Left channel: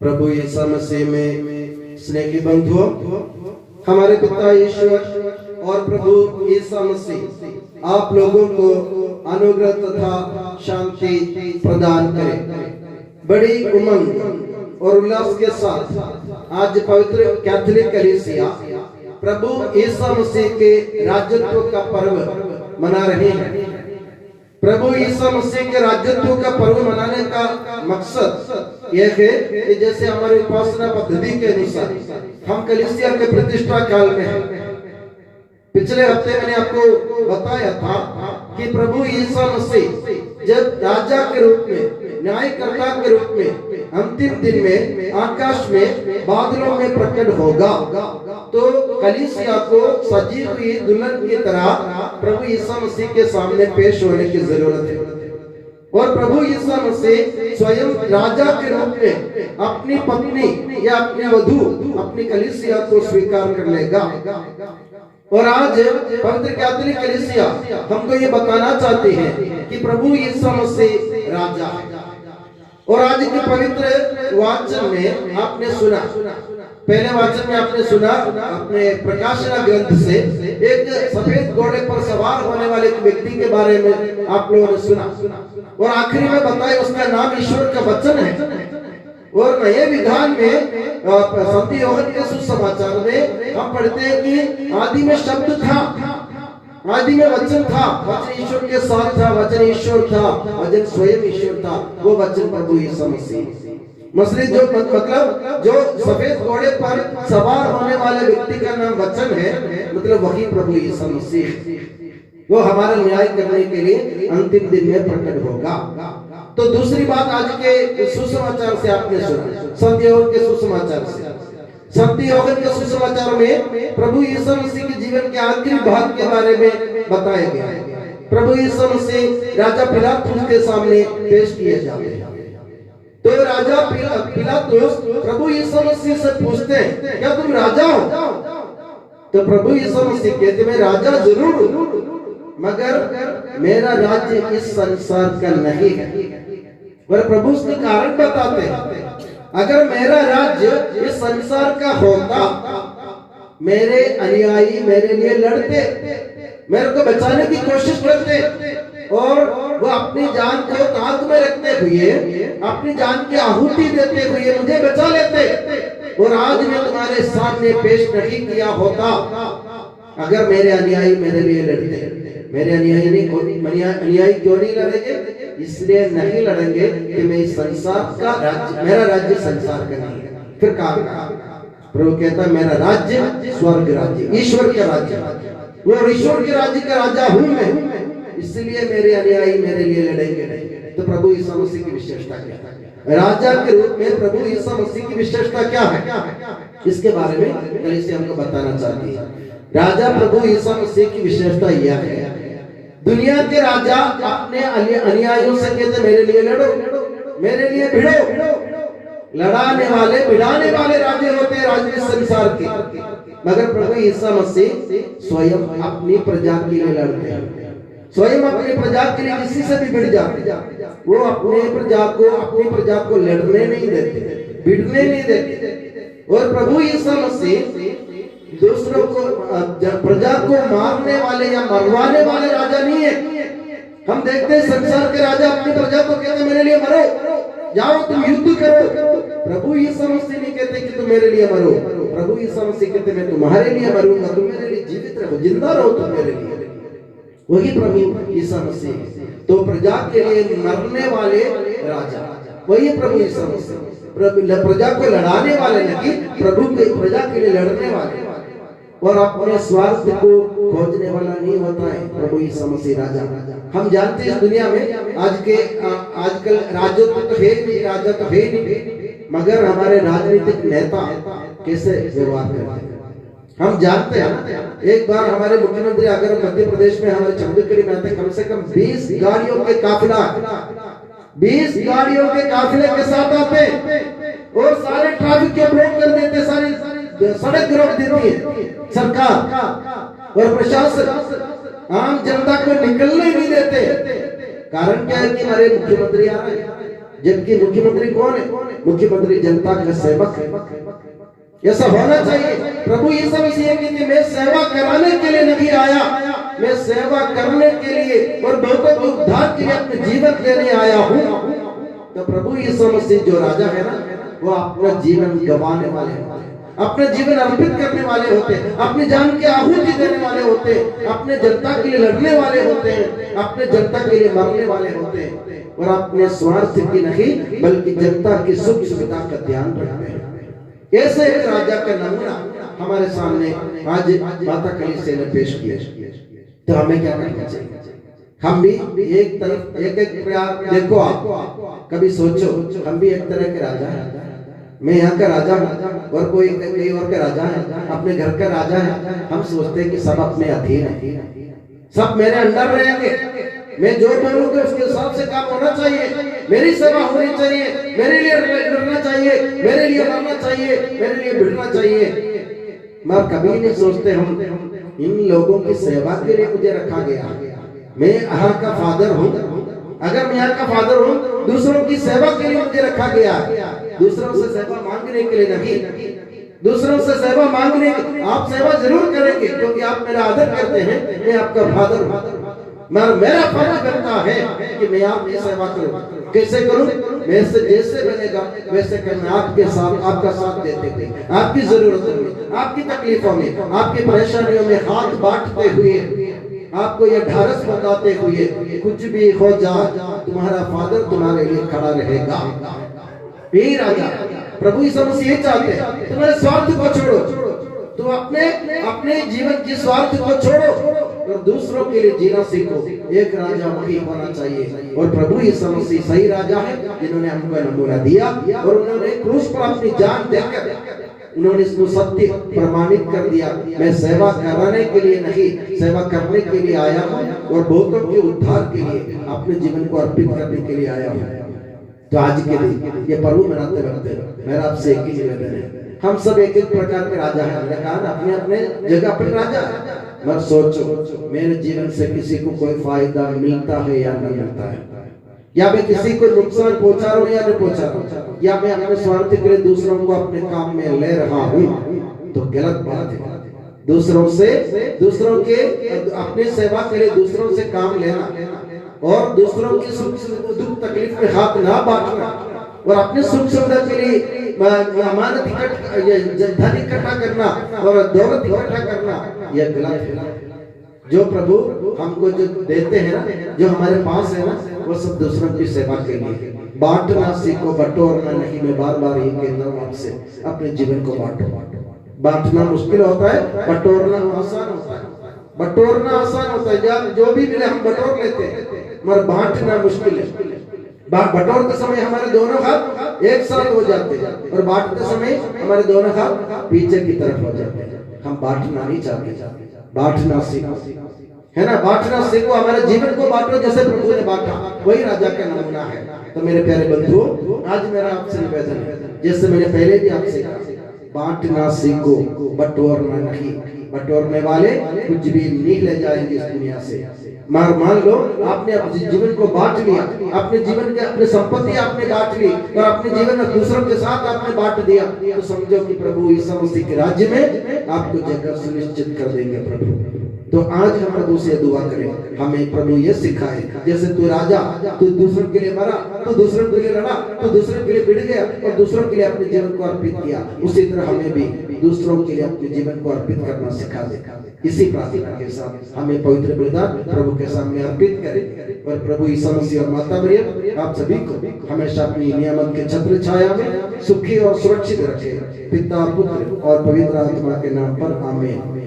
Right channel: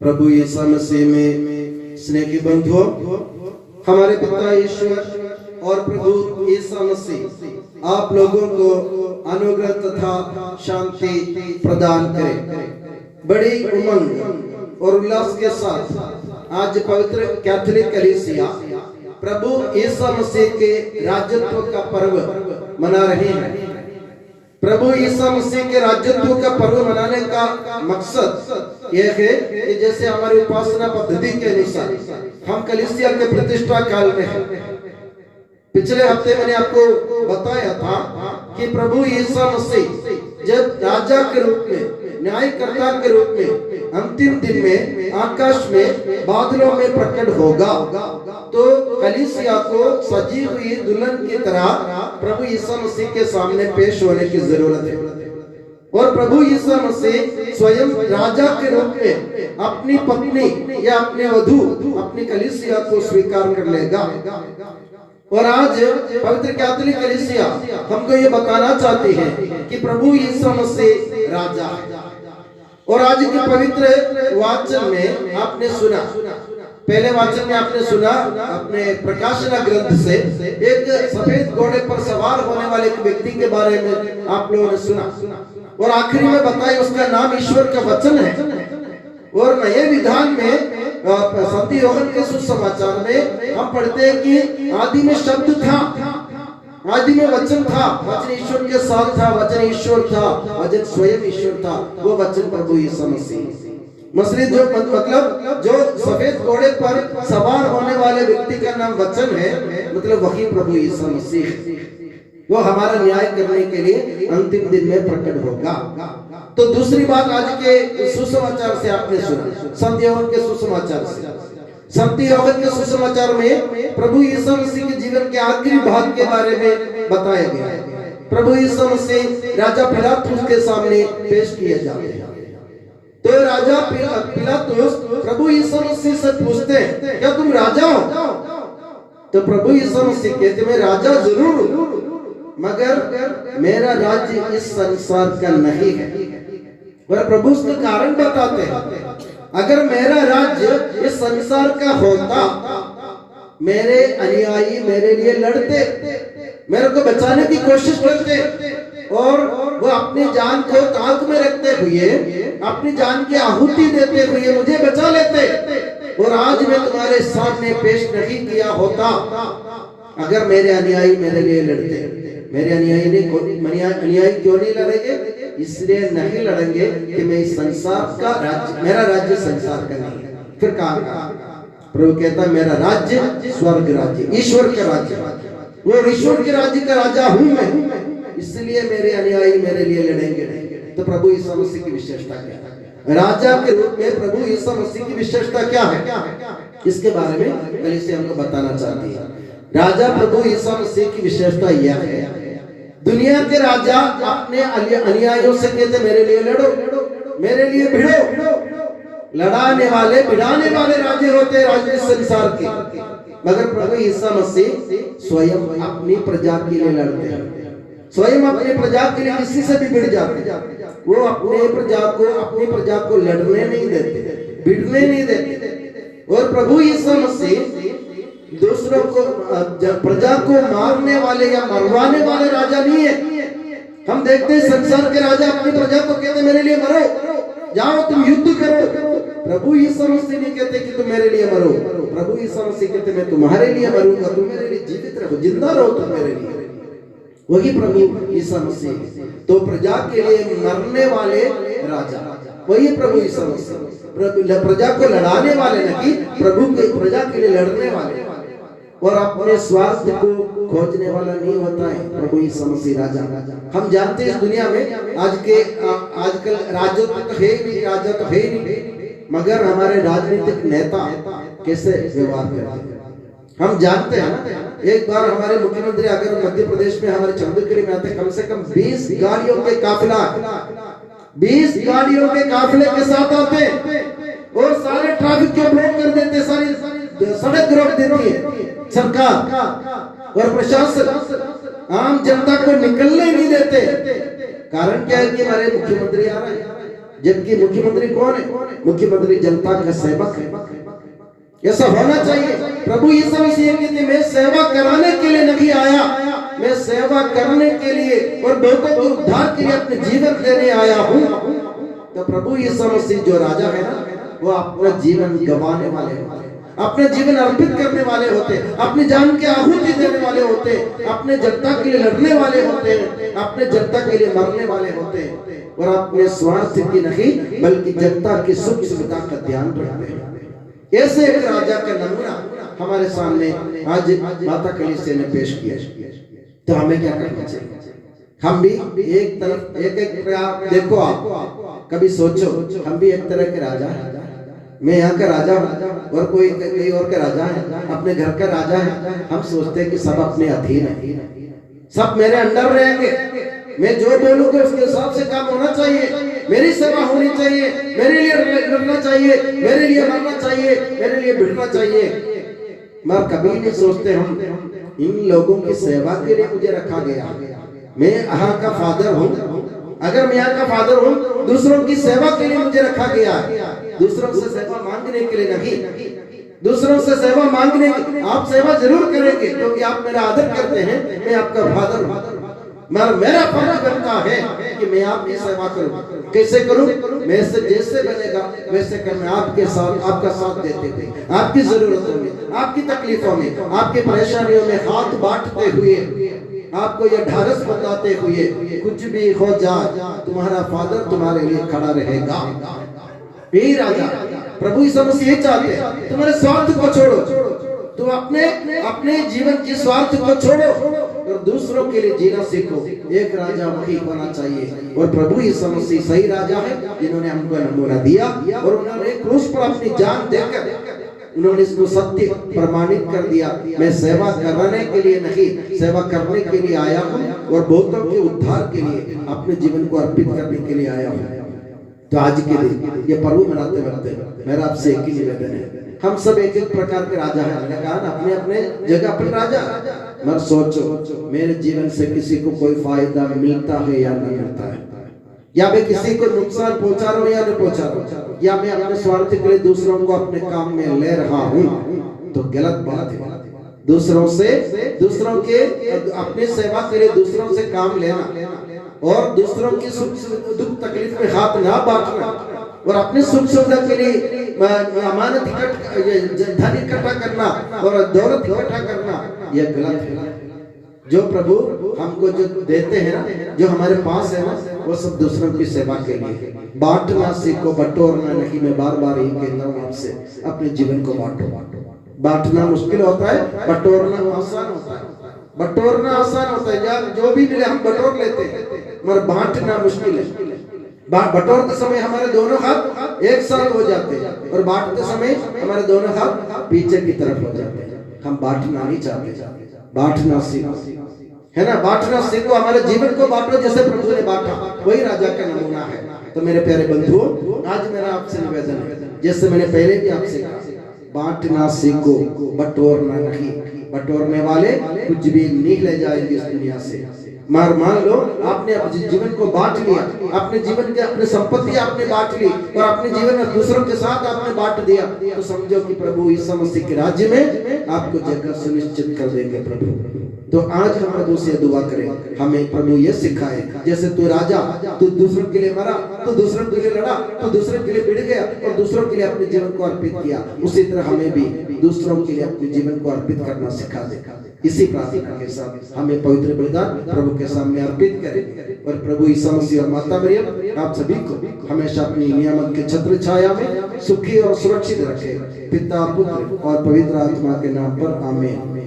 प्रभु यीशु मसीह में स्नेह के बंधुओं, हमारे पिता ईश्वर और प्रभु यीशु मसीह आप लोगों को अनुग्रह तथा शांति प्रदान करें। बड़ी उमंग और उल्लास के साथ आज पवित्र कैथोलिक कलीसिया प्रभु यीशु मसीह के राज्यत्व का पर्व मना रहे हैं। प्रभु यीशु मसीह के राज्यत्व का पर्व मनाने का मकसद यह है कि जैसे हमारी उपासना पद्धति के अनुसार हम कलीसिया के प्रतिष्ठा काल में हैं। पिछले हफ्ते मैंने आपको बताया था कि प्रभु यीशु मसीह जब राजा के रूप में, न्यायकर्ता के रूप में अंतिम दिन में आकाश में बादलों में प्रकट होगा, तो कलीसिया को सजी हुई दुल्हन की तरह प्रभु यीशु मसीह के सामने पेश होने की जरूरत है। और प्रभु यीशु मसीह स्वयं राजा के रूप में अपनी पत्नी या अपने वधू अपनी कलीसिया को स्वीकार कर लेगा। और आज पवित्र कैथोलिक कलीसिया हमको ये बताना चाहती है कि प्रभु यीशु मसीह राजा है। और आज के पवित्र वाचन में आपने सुना, पहले वाचन में आपने सुना अपने प्रकाशना ग्रंथ से एक सफेद घोड़े पर सवार होने वाले एक व्यक्ति के बारे में आप लोगों ने सुना, और आखिरी में बताया उसका नाम ईश्वर का वचन है। और नए विधान में संत योहन के सुसमाचार में हम पढ़ते हैं कि आदि में शब्द था, आदि में वचन था, वचन ईश्वर के साथ था, वचन ईश्वर था, वचन स्वयं ईश्वर था, वो वचन प्रभु यीशु मसीह। जो मतलब जो सफेद घोड़े पर सवार होने वाले व्यक्ति का नाम वचन है, मतलब वही प्रभु यीशु मसीह। वो हमारा न्याय करने के लिए अंतिम दिन में प्रकट होगा। तो दूसरी बात आज के सुसमाचार से आपने सुना, संत योहन के सुसमाचार से। संत योहन के सुसमाचार में प्रभु यीशु मसीह के जीवन के आखिरी भाग के बारे में बताया गया है। प्रभु यीशु मसीह राजा पिलातुस के सामने पेश किए जाते हैं। तो राजा पिलातुस प्रभु यीशु मसीह से पूछते हैं, क्या तुम राजा हो? तो प्रभु यीशु मसीह कहते, मैं राजा जरूर हूं, मगर मेरा राज्य इस संसार का नहीं है। वह प्रभु उसका कारण बताते हैं, अगर मेरा राज्य इस संसार का होता, मेरे अनुयायी मेरे लिए लड़ते, मेरे को बचाने की कोशिश करते, और वो अपनी जान को ताक में रखते हुए, अपनी जान की आहुति देते हुए मुझे बचा लेते, और आज मैं तुम्हारे सामने पेश नहीं किया होता अगर मेरे अनुयायी मेरे लिए लड़ते। मेरे अनुयायी क्यों नहीं लड़ेंगे? इसलिए नहीं लड़ेंगे कि मैं इस संसार का राज्य, मेरा राज्य संसार का नहीं है। फिर कहा प्रभु कहता, मेरा राज्य स्वर्ग राज्य, ईश्वर का राज्य, वो ईश्वर के राज्य का राजा हूं मैं, इसलिए मेरे अनुयायी मेरे लिए लड़ेंगे नहीं। तो प्रभु यीशु मसीह की विशेषता क्या है? राजा के रूप में प्रभु यीशु मसीह की विशेषता क्या है, इसके बारे में कलीसिया हमको बताना चाहती है। राजा प्रभु यीशु मसीह की विशेषता यह है, दुनिया के राजा अपने अनुयायियों से कहते, मेरे लिए लड़ो, मेरे लिए भिड़ो। लड़ाने वाले भिड़ाने वाले राजे होते हैं राज्य संसार के, मगर प्रभु यीशु मसीह स्वयं अपनी प्रजा के लिए लड़ते हैं, स्वयं अपनी प्रजा के लिए किसी से भी भिड़ जाते हैं। वो अपनी प्रजा को लड़ने नहीं देते, भिड़ने नहीं देते। और प्रभु यीशु मसीह दूसरों को, प्रजा को मारने वाले या मरवाने वाले राजा नहीं है। हम देखते हैं संसार के राजा अपनी प्रजा को कहते, मेरे लिए मरो, जाओ तुम युद्ध करो। प्रभु यीशु मसीह नहीं कहते कि तुम मेरे लिए मरो, प्रभु यीशु मसीह कहते, मैं तुम्हारे लिए मरूंगा, तुम मेरे लिए जीवित रहो, जिंदा रहो तुम मेरे लिए। वही प्रभु यीशु मसीह। तो प्रजा के लिए मरने वाले राजा वही प्रभु यीशु मसीह। प्रजा को लड़ाने वाले नहीं, प्रभु के प्रजा के लिए लड़ने वाले, और अपने स्वार्थ को खोजने वाला नहीं होता है प्रभु यीशु मसीह राजा। हम जानते हैं इस दुनिया में आजकल राजत्व तो है नहीं, राजा तो है नहीं, मगर हमारे राजनीतिक नेता कैसे व्यवहार करते हैं हम जानते हैं ना। एक बार हमारे मुख्यमंत्री अगर मध्य प्रदेश में हमारे चंद्रगिरी में आते, कम से कम 20 गाड़ियों के काफिला, 20 गाड़ियों के काफिले के साथ आते और सारे ट्रैफिक को ब्लॉक कर देते, सारी सड़क रोक देती है सरकार और प्रशासन, आम जनता को निकलने नहीं देते। कारण क्या है कि हमारे मुख्यमंत्री आ रहे हैं, जबकि मुख्यमंत्री कौन है? मुख्यमंत्री जनता का सेवक है। ऐसा होना चाहिए। प्रभु यीशु मसीह कहते मैं सेवा कराने के लिए नहीं आया, मैं सेवा करने के लिए और लोगों के उद्धार के लिए अपने जीवन देने आया हूँ। तो प्रभु यीशु मसीह जो राजा है ना, वो अपना जीवन गंवाने वाले हैं, अपने जीवन अर्पित करने वाले होते हैं, अपनी जान के आहुति देने वाले होते हैं, अपने जनता के लिए लड़ने वाले होते हैं, अपने जनता के लिए मरने वाले होते हैं और अपने स्वार्थ की नहीं बल्कि जनता की सुख सुविधा का ध्यान रखते हैं। ऐसे एक राजा का नमूना हमारे सामने आज माता कलीसिया ने पेश किया। तो हमें क्या करना चाहिए? हम भी एक तरफ एक देखो, आप कभी सोचो हम भी एक तरह के राजा हैं। मैं यहाँ का राजा हूँ और कोई कहीं और का राजा है, अपने घर का राजा है। हम सोचते हैं कि सब अपने अधीन है, सब मेरे अंडर रहेंगे, मैं जो बोलूंगा उसके हिसाब से काम होना चाहिए, मेरी सेवा होनी चाहिए, मेरे लिए लड़ना चाहिए, मेरे लिए मरना चाहिए, मेरे लिए भिड़ना चाहिए। मगर कभी नहीं सोचते हम इन लोगों की सेवा के लिए मुझे रखा गया। मैं यहाँ का फादर हूँ, अगर मैं यहाँ का फादर हूँ, दूसरों की सेवा के लिए मुझे रखा गया। दूसरों से सेवा मांगने के लिए नहीं, दूसरों से सेवा मांगने, आप सेवा जरूर करेंगे क्योंकि आप मेरा आदर करते हैं, मैं आपका फादर हूँ। मगर मेरा फर्ज बनता है कि मैं आपकी सेवा करूं। कैसे करूं? मैं से जैसे बनेगा वैसे करना, आपके साथ आपका साथ देते थे, आपकी जरूरतों में, आपकी तकलीफों में, आपकी परेशानियों में हाथ बांटते हुए, आपको ये ढारस बताते हुए, कुछ भी हो जा तुम्हारा फादर तुम्हारे लिए खड़ा रहेगा। यही राजा प्रभु यीशु मसीह चाहते हैं। तुम्हारे स्वार्थ को छोड़ो, तुम अपने जीवन की स्वार्थ को छोड़ो और दूसरों के लिए जीना सीखो। एक राजा वही होना चाहिए और प्रभु यीशु मसीह सही राजा है जिन्होंने हमको नमूना दिया और उन्होंने क्रूस पर अपनी जान देकर उन्होंने इसको सत्य प्रमाणित कर दिया। मैं सेवा कराने के लिए नहीं, सेवा करने के लिए आया हूँ और बहुतों के उद्धार के लिए अपने जीवन को अर्पित करने के लिए आया हूँ। तो आज के दिन ये पर्व मनाते वक्त मेरा आपसे एक ही निवेदन है, हम सब एक एक प्रकार के राजा हैं। मैंने कहा ना, अपने अपने जगह पर राजा। मगर सोचो मेरे जीवन से किसी को कोई फायदा मिलता है या नहीं मिलता है, या मैं किसी को नुकसान पहुंचा रहा हूँ या नहीं पहुंचा रहा हूँ, या मैं अपने स्वार्थ के लिए दूसरों को अपने काम में ले रहा हूँ, तो गलत बात है। दूसरों के अपनी सेवा के लिए दूसरों से काम लेना और दूसरों की सुख दुख तकलीफ में हाथ ना बांटना और अपने सुख सुविधा के लिए अमानत धन इकट्ठा करना और दौलत इकट्ठा करना, यह गलत है। जो प्रभु हमको जो देते हैं ना, जो हमारे पास है ना, वो सब दूसरों की सेवा के लिए। बांटना सीखो, बटोरना नहीं। मैं बार बार ये कहता हूँ आपसे, अपने जीवन को बांटो। बांटना मुश्किल होता है, बटोरना आसान होता है। बटोरना आसान होता है, जो भी मिले हम बटोर लेते हैं, मगर बांटना मुश्किल है। बटोरते समय हमारे दोनों हाथ एक साथ हो जाते हैं और बांटते समय हमारे दोनों हाथ पीछे की तरफ हो जाते हैं। हम बांटना नहीं चाहते, बांटना सीखो, है ना। बांटना सीखो, हमारे जीवन को बांटो जैसे प्रभु ने बांटा, वही राजा का नमूना है। तो मेरे प्यारे बंधुओं, आज मेरा आपसे निवेदन है, जैसे मैंने पहले भी आपसे कहा, बांटना सीखो, बटोरना नहीं। बटोरने वाले कुछ भी नहीं ले जाएंगे इस दुनिया से। मान लो आपने अपने जीवन को बांट लिया, अपने जीवन के अपने संपत्ति आपने बांट ली और अपने जीवन में दूसरों के साथ आपने बांट दिया, तो समझो कि प्रभु यीशु मसीह के राज्य में आपको जगह सुनिश्चित कर देंगे प्रभु। तो आज हम प्रभु से दुआ करें, हमें प्रभु ये सिखाए, जैसे तू राजा, तू दूसरों के लिए मरा, तू दूसरों के लिए लड़ा, तू दूसरों के लिए भिड़ गया और दूसरों के लिए अपने जीवन को अर्पित किया, उसी तरह हमें भी दूसरों के लिए अपने जीवन को अर्पित करना सिखा दे। इसी प्रार्थना के साथ हमें पवित्र बलिदान प्रभु के सामने अर्पित करें और प्रभु यीशु मसीह और माता मरियम आप सभी को हमेशा अपनी नियामत के छत्र छाया में सुखी और सुरक्षित रखे। पिता, पुत्र और पवित्र आत्मा के नाम पर आमीन।